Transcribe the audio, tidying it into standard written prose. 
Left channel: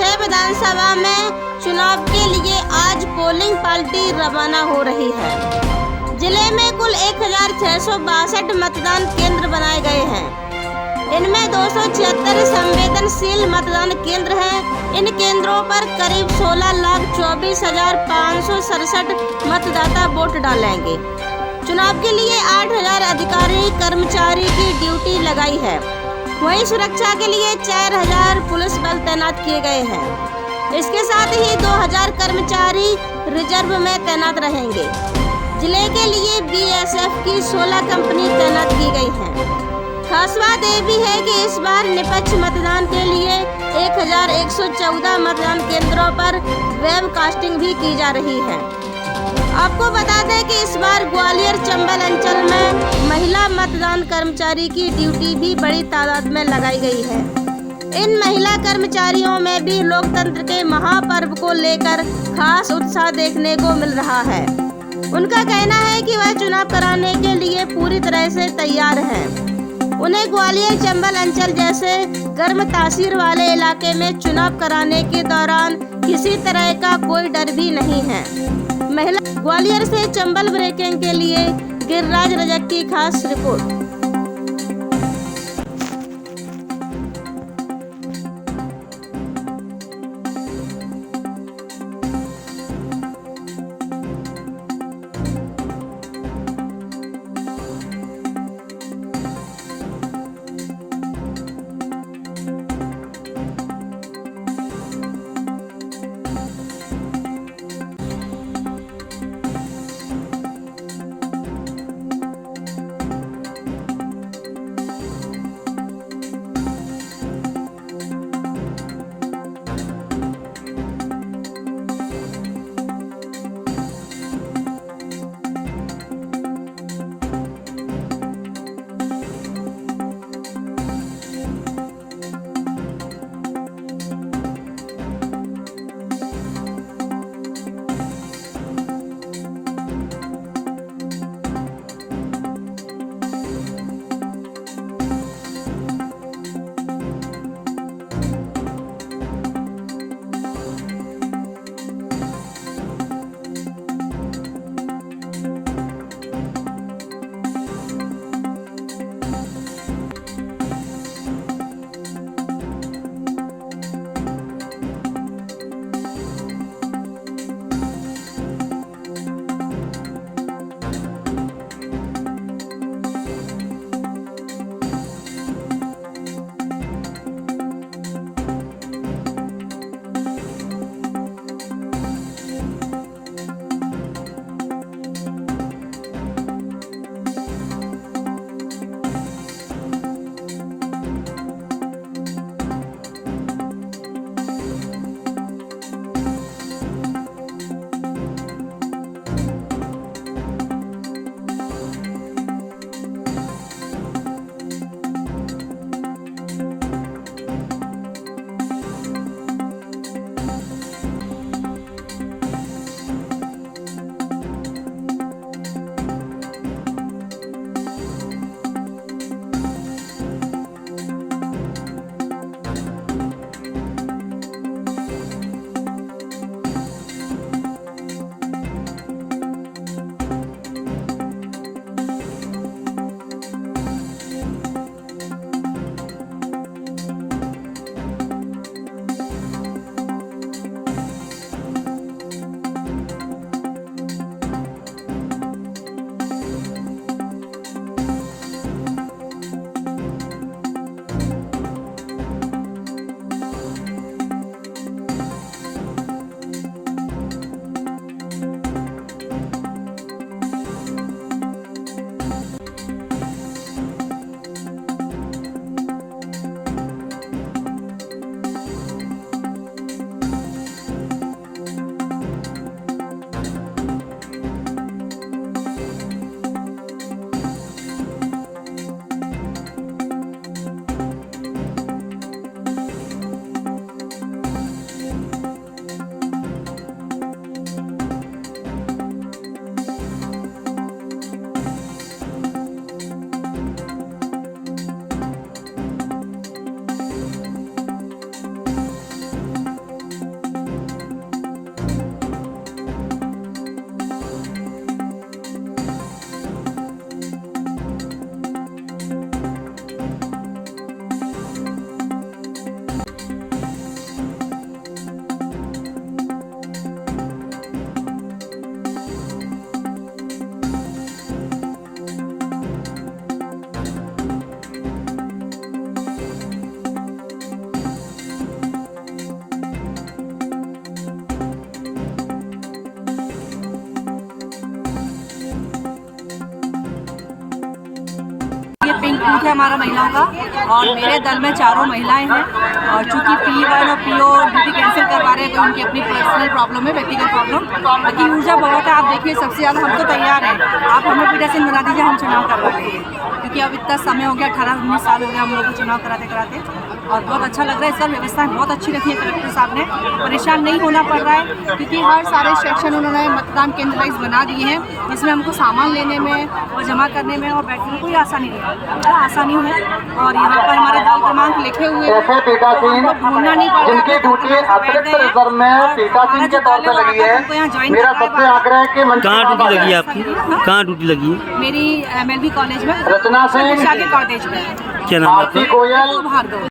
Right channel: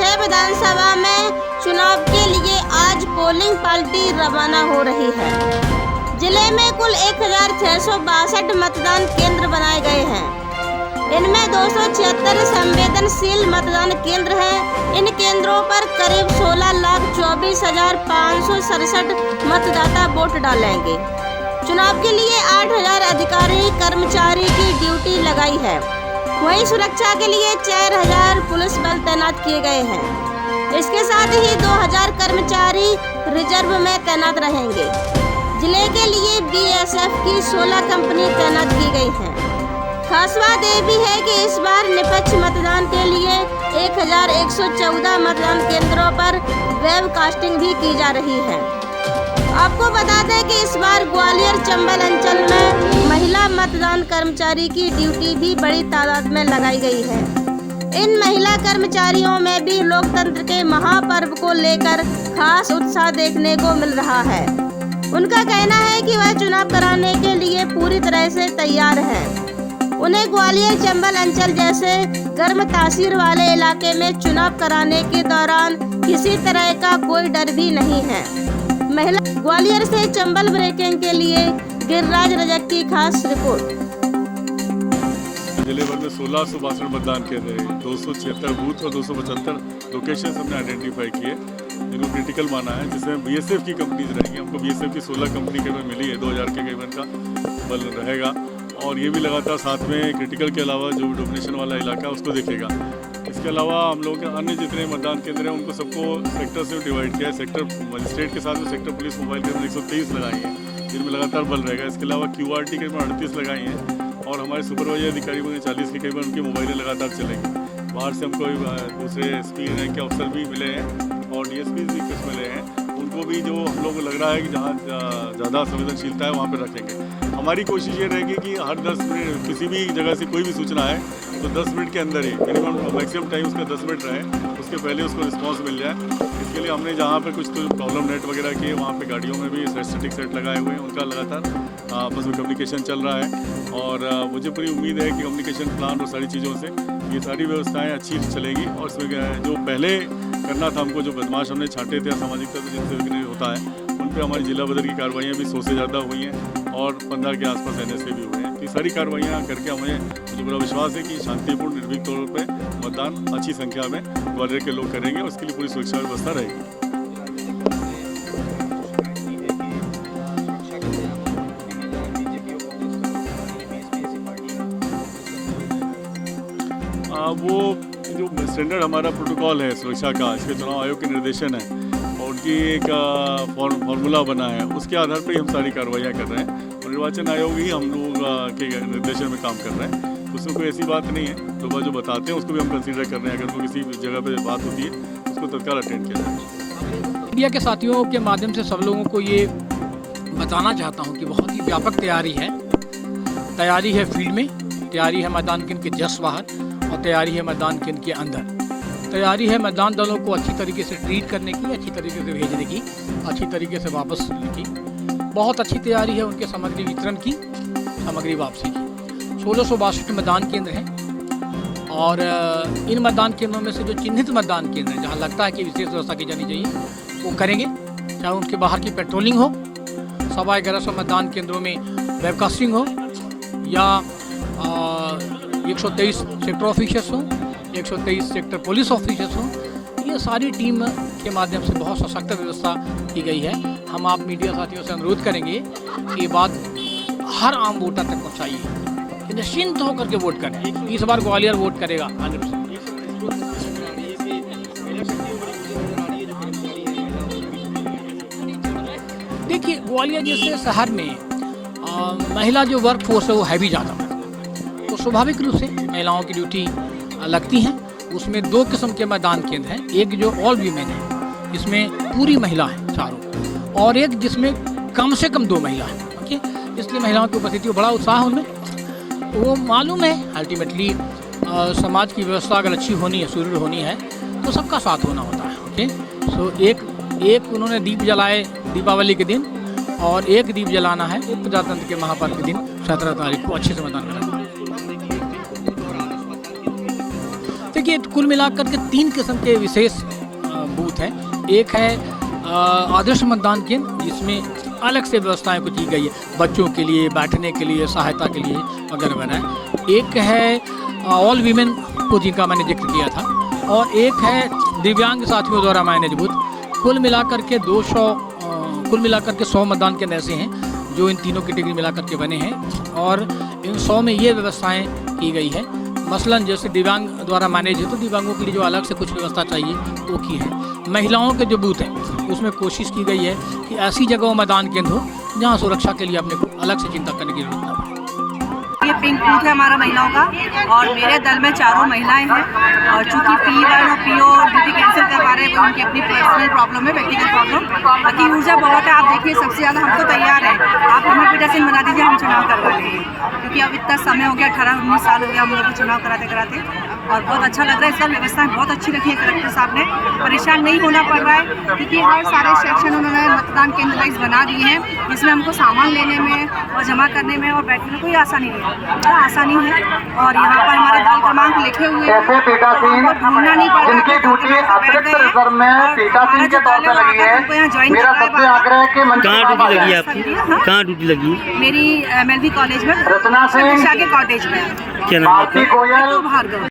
6 विधानसभा में चुनाव के लिए आज पोलिंग पार्टी रवाना हो रही है। जिले में कुल 1662 मतदान केंद्र बनाए गए हैं। इनमें 276 संवेदनशील मतदान केंद्र हैं। इन केंद्रों पर करीब 16,24,567 मतदाता वोट डालेंगे। चुनाव के लिए 8,000 अधिकारी कर्मचारी की ड्यूटी लगाई है। वहीं सुरक्षा के लिए 4,000 पुलिस बल तैनात किए गए हैं। इसके साथ ही 2,000 कर्मचारी रिजर्व में तैनात रहेंगे। जिले के लिए BSF की 16 कंपनी तैनात की गई हैं। खास बात यह भी है कि इस बार निष्पक्ष मतदान के लिए 1,114 मतदान केंद्रों पर वेबकास्टिंग भी की जा रही है। आपको बता दें कि इस बार ग्वालियर चंबल अंचल में महिला मतदान कर्मचारी की ड्यूटी भी बड़ी तादाद में लगाई गई है। इन महिला कर्मचारियों में भी लोकतंत्र के महापर्व को लेकर खास उत्साह देखने को मिल रहा है। उनका कहना है कि वह चुनाव कराने के लिए पूरी तरह से तैयार हैं। उन्हें ग्वालियर चंबल अंचल जैसे गर्म तासीर वाले इलाके में चुनाव कराने के दौरान किसी तरह का कोई डर भी नहीं है। महिला ग्वालियर से चंबल ब्रेकिंग के लिए गिरिराज रजक की खास रिपोर्ट। जिले भर में 1662 मतदान केंद्र है। 276 बूथ और 275 लोकेशन हमने आइडेंटिफाई किए जिनको क्रिटिकल माना है, जिसमें BSF की कंपनीज रहेंगी। हमको BSF की 16 कंपनी केवल मिली है। 2,000 के केवल का बल रहेगा और ये भी लगातार साथ में क्रिटिकल के अलावा जो डोमिनेशन वाला इलाका है उसको देखेगा। इसके अलावा हम लोग के अन्य जितने मतदान केंद्र हैं उनको सबको सेक्टर से डिवाइड किया है। सेक्टर मजिस्ट्रेट के साथ में सेक्टर पुलिस मोबाइल केंद्र 123 लगाई है, जिनमें लगातार बल रहेगा। इसके अलावा QRT के 38 लगाई हैं और हमारे सुपरवाइजर अधिकारी में 40 के केवल उनकी मोबाइलें लगातार चलेंगी। बाहर से हमको दूसरे SP रैंक के अफसर भी मिले हैं और DSP भी कुछ मिले हैं। उनको भी जो हम लोग को लग रहा है कि जहाँ ज़्यादा संवेदनशीलता है वहाँ पर रखेंगे। हमारी कोशिश ये रहेगी कि हर 10 मिनट किसी भी जगह से कोई भी सूचना है तो 10 मिनट के अंदर ही मिनिमम मैक्सिमम टाइम उसका 10 मिनट रहे, उसके पहले उसको रिस्पांस मिल जाए। इसके लिए हमने जहाँ पे कुछ तो प्रॉब्लम नेट वगैरह किए वहाँ पे गाड़ियों में भी स्टैटिक सेट लगाए हुए हैं। उनका लगातार आपस में कम्युनिकेशन चल रहा है और मुझे पूरी उम्मीद है कि कम्युनिकेशन प्लान और सारी चीज़ों से ये सारी व्यवस्थाएँ अच्छी चलेगी। और जो पहले करना था हमको, जो बदमाश हमने छाटे थे असामाजिक तत्व जिनसे होता है, उन पर हमारी जिला बदर की कार्रवाइयाँ भी 100 से ज़्यादा हुई हैं और 15 के आसपास NSA भी हुए हैं। ये सारी कार्रवाइयाँ करके हमें पूरा विश्वास है कि शांतिपूर्ण निर्भीक तौर पर मतदान अच्छी संख्या में ग्वालियर के लोग करेंगे और उसके लिए पूरी सुरक्षा व्यवस्था रहेगी। वो जो स्टैंडर्ड हमारा प्रोटोकॉल है सुरक्षा का, इसके चुनाव आयोग के निर्देशन है और उनकी एक फॉर्मूला बना है, उसके आधार पर हम सारी कार्रवाइयाँ कर रहे हैं। निर्वाचन आयोग ही हम लोग के निर्देशन में काम कर रहे हैं। उसमें कोई ऐसी बात नहीं है, तो वह जो बताते हैं उसको भी हम कंसीडर कर रहे हैं। अगर कोई किसी जगह पे बात होती है उसको तत्काल अटेंड किया जाए। मीडिया के साथियों के माध्यम से सब लोगों को ये बताना चाहता हूँ कि बहुत ही व्यापक तैयारी है फील्ड में, तैयारी है मैदान केंद्र के जस्ट बाहर और तैयारी है मैदान केंद्र के अंदर। तैयारी है मैदान दलों को अच्छी तरीके से ट्रीट करने की, अच्छी तरीके से भेजने की, अच्छी तरीके से वापस लेने की। बहुत अच्छी तैयारी है उनके सामग्री वितरण की, सामग्री वापसी की। 1662 मतदान केंद्र हैं और इन मतदान केंद्रों में से जो चिन्हित मतदान केंद्र हैं, जहाँ लगता है कि विशेष व्यवस्था की जानी चाहिए, वो करेंगे। चाहे उनके बाहर की पेट्रोलिंग हो, 1150 मतदान केंद्रों में वेबकास्टिंग हो या 123 सेक्टर ऑफिसर्स हो, 123 सेक्टर पुलिस ऑफिसर्स हो, ये सारी टीम के माध्यम से बहुत सशक्त व्यवस्था की गई है। हम आप मीडिया साथियों से अनुरोध करेंगे कि ये बात हर आम वोटर तक पहुँचाइए, निश्चिंत होकर के वोट करें। इस बार ग्वालियर वोट करेगा 100%। देखिए, ग्वालियर जैसे शहर में महिला जो वर्क फोर्स है वो हैवी ज़्यादा है, तो स्वाभाविक रूप से महिलाओं की ड्यूटी लगती हैं। उसमें 2 किस्म के मैदान केंद्र हैं, एक जो ऑल वीमेन है, इसमें पूरी महिला है चारों, और एक जिसमें कम से कम 2 महिला हैं। ओके, इसलिए महिलाओं की उपस्थिति को बड़ा उत्साह उनमें। वो मालूम है अल्टीमेटली समाज की व्यवस्था अगर अच्छी होनी है, सुदृढ़ होनी है, तो सबका साथ होना होता है। ओके, सो एक उन्होंने दीप जलाए दीपावली के दिन और एक दीप जलाना है प्रजातंत्र के महापर्व के दिन 17 तारीख को अच्छे से मतदान करना। देखिए, कुल मिलाकर के 3 किस्म के विशेष बूथ हैं। एक है आदर्श मतदान केंद्र, जिसमें अलग से व्यवस्थाएं कुछ की गई है, बच्चों के लिए, बैठने के लिए, सहायता के लिए वगैरह वगैरह। एक है ऑल वीमेन को, जिनका मैंने जिक्र किया था, और एक है दिव्यांग साथियों द्वारा मैनेज बूथ। कुल मिलाकर के 100 मतदान केंद्र ऐसे हैं जो इन तीनों कैटेगरी मिलाकर के बने हैं, और इन 100 में ये व्यवस्थाएं की गई है। मसलन जैसे दिव्यांग द्वारा मैनेज है तो दिव्यांगों के लिए जो अलग से कुछ व्यवस्था चाहिए वो की है। महिलाओं के जो बूथ हैं उसमें कोशिश की गई है कि ऐसी जगहों मतदान केंद्र हो जहाँ सुरक्षा के लिए अपने को अलग से चिंता करने की जरूरत है। ये पिंक बूथ है हमारा महिलाओं का, और मेरे दल में 4 महिलाएं हैं, और चूंकि P1 और PO ड्यूटी कैंसिल करवा रहे हैं, कोई उनकी अपनी पर्सनल प्रॉब्लम है, व्यक्तिगत प्रॉब्लम। बाकी ऊर्जा बहुत है, आप देखिए सबसे ज़्यादा हम तो तैयार हैं, आप हमें पीठासीन बना दीजिए, हम चुनाव करवा लेंगे, क्योंकि अब इतना समय हो गया, 18-19 साल हो गया हम लोग को चुनाव कराते कराते, और बहुत अच्छा लग रहा है। इस बार व्यवस्थाएं बहुत अच्छी रखी है कलेक्टर साहब ने, परेशान नहीं होना पड़ रहा है, क्योंकि हर सारे सेक्शन उन्होंने मतदान केंद्र वाइज बना दिए हैं, जिसमें हमको सामान लेने में और जमा करने में और बैठने में कोई आसानी नहीं है, बड़ा आसानी है। और यहाँ पर हमारे दल क्रमांक लिखे हुए हैं, तो हमको ढूंढना नहीं पड़ रहा है, बैठ गए हैं, और हमारा जो दल है वो आकर हमको यहाँ ज्वाइन कर रहा है। कहाँ ड्यूटी लगी है आपकी? कहाँ ड्यूटी लगी है? मेरी MLB कॉलेज में, दिशा के कॉटेज में। क्या नाम है आपका? भार्गव।